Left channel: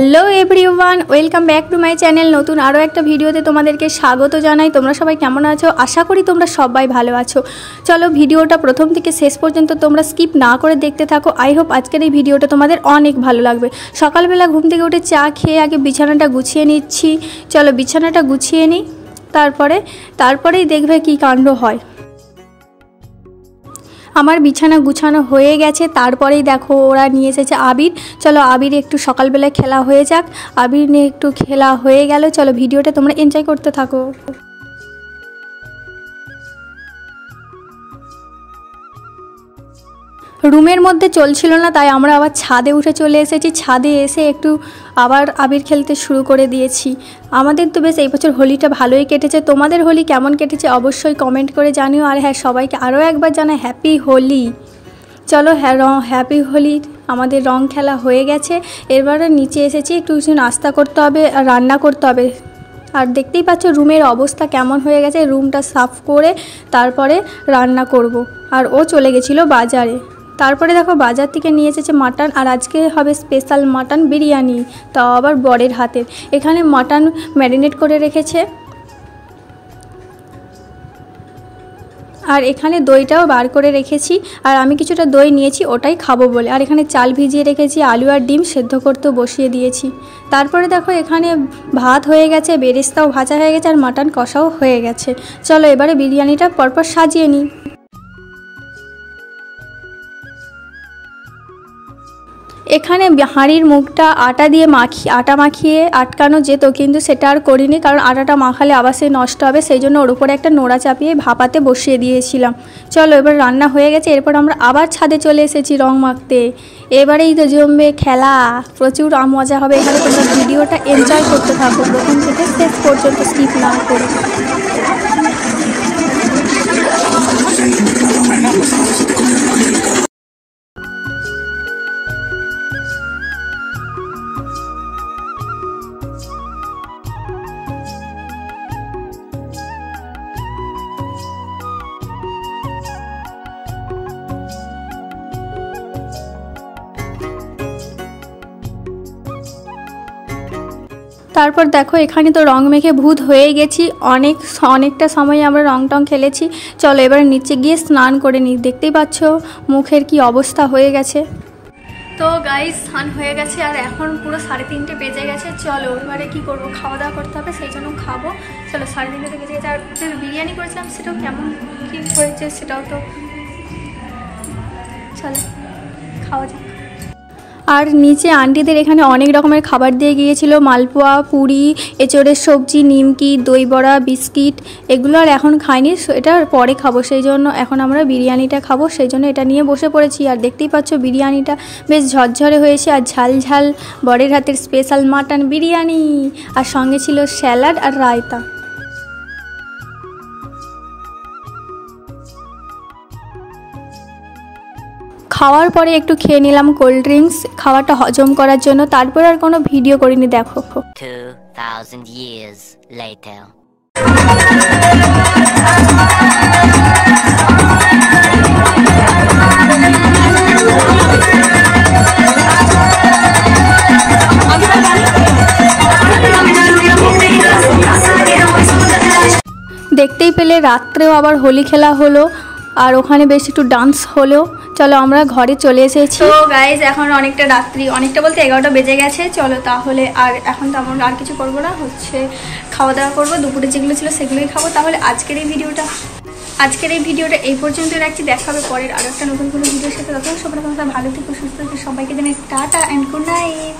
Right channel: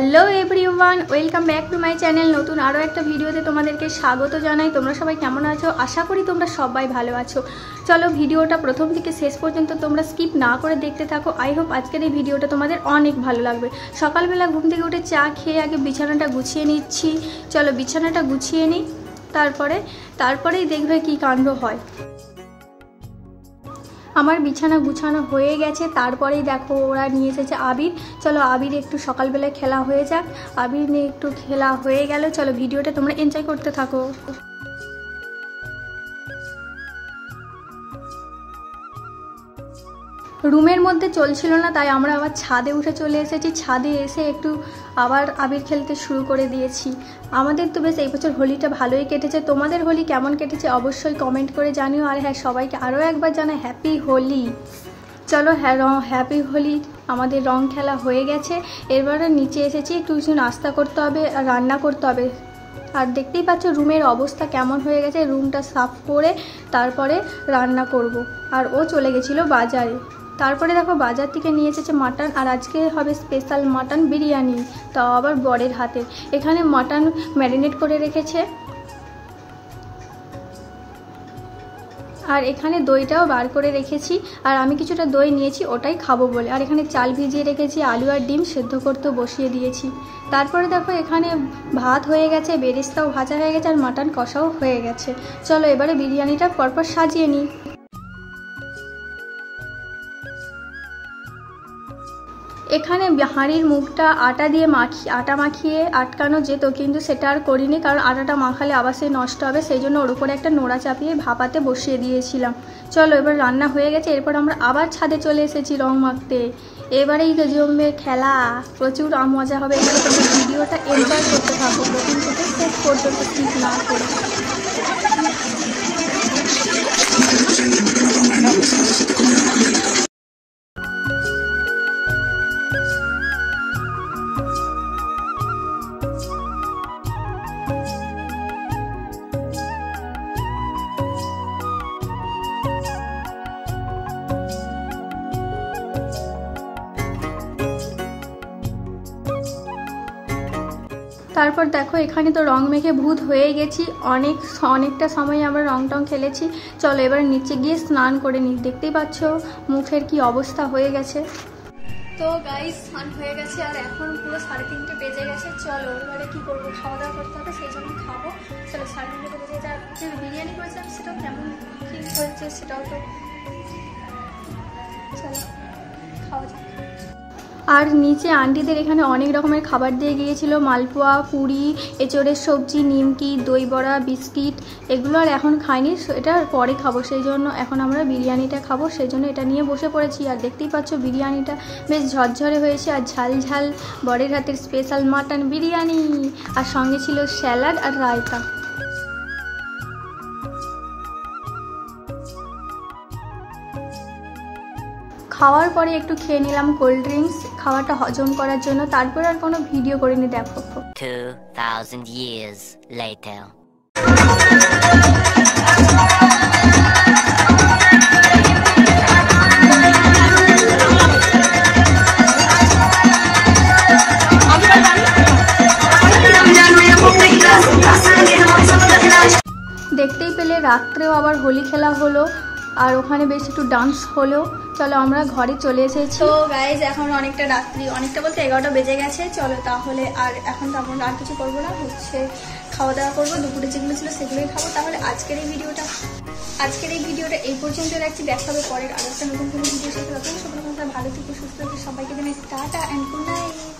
Hello everyone, welcome back to my channel. নতুন আরও একটা ভিডিওতে তোমাদেরকে স্বাগত জানাই। তোমরা সবাই কেমন আছো? আশা করি তোমরা সবাই ভালো আছো। চলো ভিডিওটা প্রথম থেকে শেষ পর্যন্ত তোমরা স্কিপ না করে দেখতে থাকো। আই হোপ আজকের এই ভিডিওটা তোমাদের অনেক ভালো লাগবে। সকালবেলা ঘুম থেকে উঠে চা খেয়ে আগে বিছানাটা গুছিয়ে নিচ্ছি। চলো বিছানাটা গুছিয়ে নিই, তারপরেই দেখবে কি কাণ্ড হয়। আমার বিছানা গুছানো হয়ে গেছে, তারপরেই দেখো ওরা নিয়ে এসেছে আবির। চলো আবির একটু সকালবেলা খেলা হয়ে যাক। আবির নিয়ে একটু খেলা হয়ে গেল। চলো ভিডিওটা তোমরা এনজয় করতে থাকো। রুমের মধ্যে চলছিল না, তাই আমরা আবার ছাদে উঠে চলে এসেছি। ছাদে এসে একটু আবার আবির খেলতে শুরু করে দিয়েছি। আমাদের তো বেশ এই বছর হোলিটা ভালোই কেটেছে। তোমাদের হোলি কেমন কেটেছে অবশ্যই কমেন্ট করে জানিও। আর হ্যাঁ, সবাইকে আরও একবার জানাই হ্যাপি হোলি। চলো হ্যাঁ, হ্যাপি হোলি। আমাদের রং খেলা হয়ে গেছে। এবারে নিচে এসেছি, একটু কিছু নাস্তা করতে হবে আর রান্না করতে হবে। আর দেখতেই পাচ্ছ রুমের অবস্থা কেমন হয়ে গেছে। রুমটা সাফ করে তারপরে রান্না করব। আর ও চলে গেছিলো বাজারে। তারপরে দেখো বাজার থেকে নিয়ে এসেছে মাটন, আর আজকে হবে স্পেশাল মাটন বিরিয়ানি, তাও আবার বরের হাতের। এখানে মাটন ম্যারিনেট করে রেখেছে, আর এখানে দইটাও বার করে রেখেছি। আর আমি কিছুটা দই নিয়েছি, ওটাই খাবো বলে। আর এখানে চাল ভিজিয়ে রেখেছি, আলু আর ডিম সেদ্ধ করতেও বসিয়ে দিয়েছি। তারপরে দেখো এখানে ভাত হয়ে গেছে, বেরেস্তাও ভাজা হয়ে গেছে, আর মাটন কষাও হয়ে গেছে। চলো এবারে বিরিয়ানিটা পরপর সাজিয়ে নিই। এখানে হাঁড়ির মুখটা আটা মাখিয়ে আটকানো যেত, কিন্তু সেটা আর করিনি, কারণ আটাটা মাখালে আবার সে নষ্ট হবে। সেই জন্য ওর উপরে একটা নোড়া চাপিয়ে ভাপাতে বসিয়ে দিয়েছিলাম। চলো এবার রান্না হয়ে গেছে। এরপর আমরা আবার ছাদে চলে এসেছি রং মাখতে। এবারেই তো জমবে খেলা, প্রচুর মজা হবে। এখানে তোমরা ভিডিওটা এনজয় করতে থাকো প্রথম থেকে শেষ পর্যন্ত স্কিপ না করে। তারপর দেখো এখানে তো রং মেখে ভূত হয়ে গেছি। অনেকটা সময় আমরা রং টং খেলেছি। চলো এবার নিচে গিয়ে স্নান করে নিই। দেখতেই পাচ্ছ মুখের কি অবস্থা হয়ে গেছে। তো গাইস স্নান হয়ে গেছে, আর এখন পুরো 3:30 বেজে গেছে। চলো এবারে কি করব, খাওয়া দাওয়া করতে হবে, সেই জন্য খাবো। চলো 3:30 বেজে গেছে। আর যে বিরিয়ানি করেছিলাম সেটাও কেমন কি হয়েছে সেটাও তো চলো খাওয়া যাক। আর নিচে আন্টিদের এখানে অনেক রকমের খাবার দিয়ে গিয়েছিল, মালপোয়া, পুরি, এঁচড়ের সবজি, নিমকি, দই বড়া, বিস্কিট। এগুলো আর এখন খাইনি, এটা পরে খাবো। সেই জন্য এখন আমরা বিরিয়ানিটা খাবো, সেই জন্য এটা নিয়ে বসে পড়েছি। আর দেখতেই পাচ্ছ বিরিয়ানিটা বেশ ঝরঝরে হয়েছে, আর ঝাল ঝাল বরের হাতের স্পেশাল মাটন বিরিয়ানি। আর সঙ্গে ছিল স্যালাড আর রায়তা। খাওয়ার পরে একটু খেয়ে নিলাম কোল্ড ড্রিঙ্কস, খাওয়াটা হজম করার জন্য। তারপর আর কোনো ভিডিও করিনি। দেখো 2000 years later. দেখতেই পেলে রাত্রেও আবার হোলি খেলা হলো, আর ওখানে বেশ একটু ডান্স হলো। চলো আমরা ঘরে চলে এসেছি। তো গাইজ এখন অনেকটা রাত্রি, অনেকটা বলতে 11টা বেজে গেছে। চলো তাহলে আর এখন তো আমরা আর কিছু করবো না, খাওয়া দাওয়া করবো। দুপুরে যেগুলো ছিল সেগুলোই খাবো। তাহলে আজকের এই ভিডিওটা এই পর্যন্ত রাখছি। দেখা হবে পরের আরো একটা নতুন কোনো ভিডিওর সাথে। তখন সবাই ভালো থেকো, সুস্থ থেকো। সবাইকে জানাই টাটা অ্যান্ড গুড নাইট।